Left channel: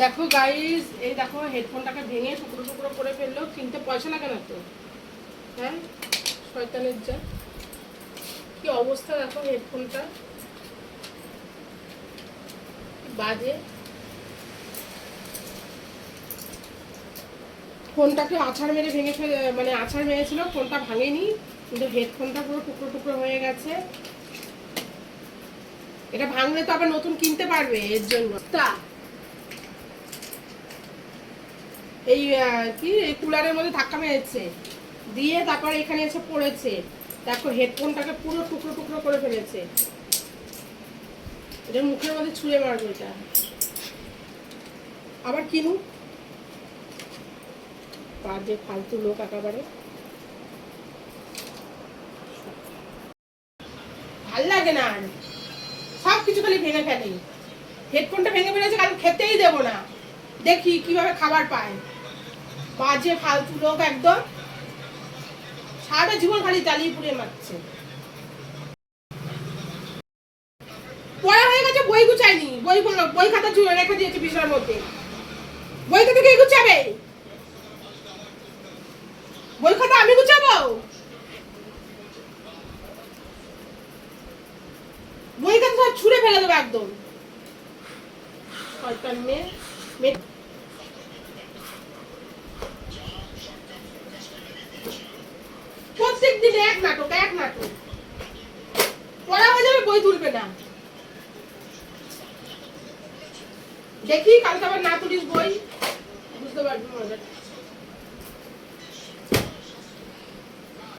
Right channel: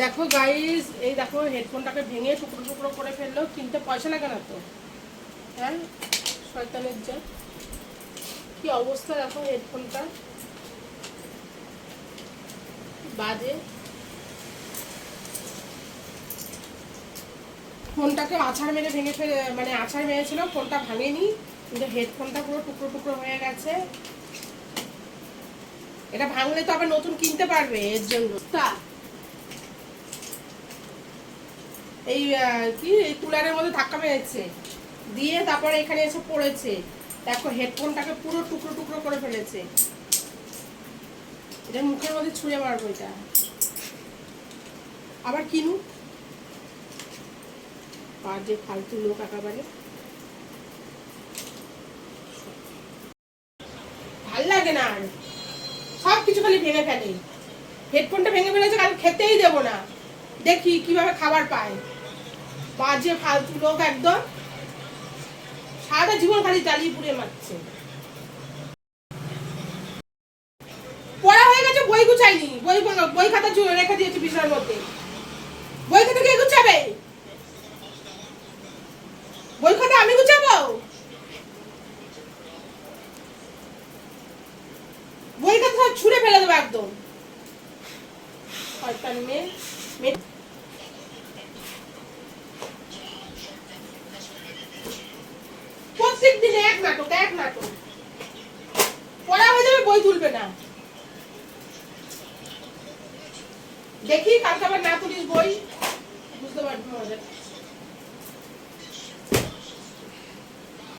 দেখো গাইস এই দেখো হেডফোনটাকে ভেঙে টুকরো টুকরো করে ফেলল কিনতে পয়সা লাগে না তো? হ্যাঁ? শয়তানের যা কি অবস্থা দেখো হেডফোনটা বাজে। ফোনটাকে আছাড় মেরে ভেঙে ফেলে মানে আছাড় মেরেছিল, ফোনটা ভাঙেনি, কিন্তু হেডফোনটা পুরো টুকরো টুকরো হয়ে গেছে। এটা ভাঙলে তো আবার নতুন কিনতে পারবে, এর জন্য। তা এই কি, এই কুলারের মধ্যে ধাক্কা মেরেছে। দিয়ে তারপরে এখানে এসে পড়েছে। দেখো, হেডফোনটাকে পুরো টুকরো টুকরো করে ফেলেছে। এটা মুখের মধ্যে ছুঁড়ে মারবো এটা আবার কিনুক যে ফালতু লোক একেবারে। ভালো লাগে না আর। সব কিছু খালি ভেঙে ফেলে। হেডফোনটা ভেঙে ফেলেছে কাল খেতেই দেবো না। দেখি কীভাবে খাবার পায়। বাজে, ফালতু লোক একদম। সারাটা জীবন খালি জ্বালিয়ে পুড়িয়ে মারছে। পড়া হয়ে গেছে, বই গুছাইনি বই বই খাতা জুড়ে রেখে দিয়েছি বিছানার মধ্যে। বই খাতা কে গুছাবে? বই খাতা আমি গুছাবো? বই খাতা ছুঁড়ে ফেলে দেবো একদম। মেয়ে এক নাটক এক নাটক। পড়া হয়ে যাবে, বই তুলবে না। দেখি, কালকে আবার না তুলিস বই। বুঝতে পারবি মজাটা।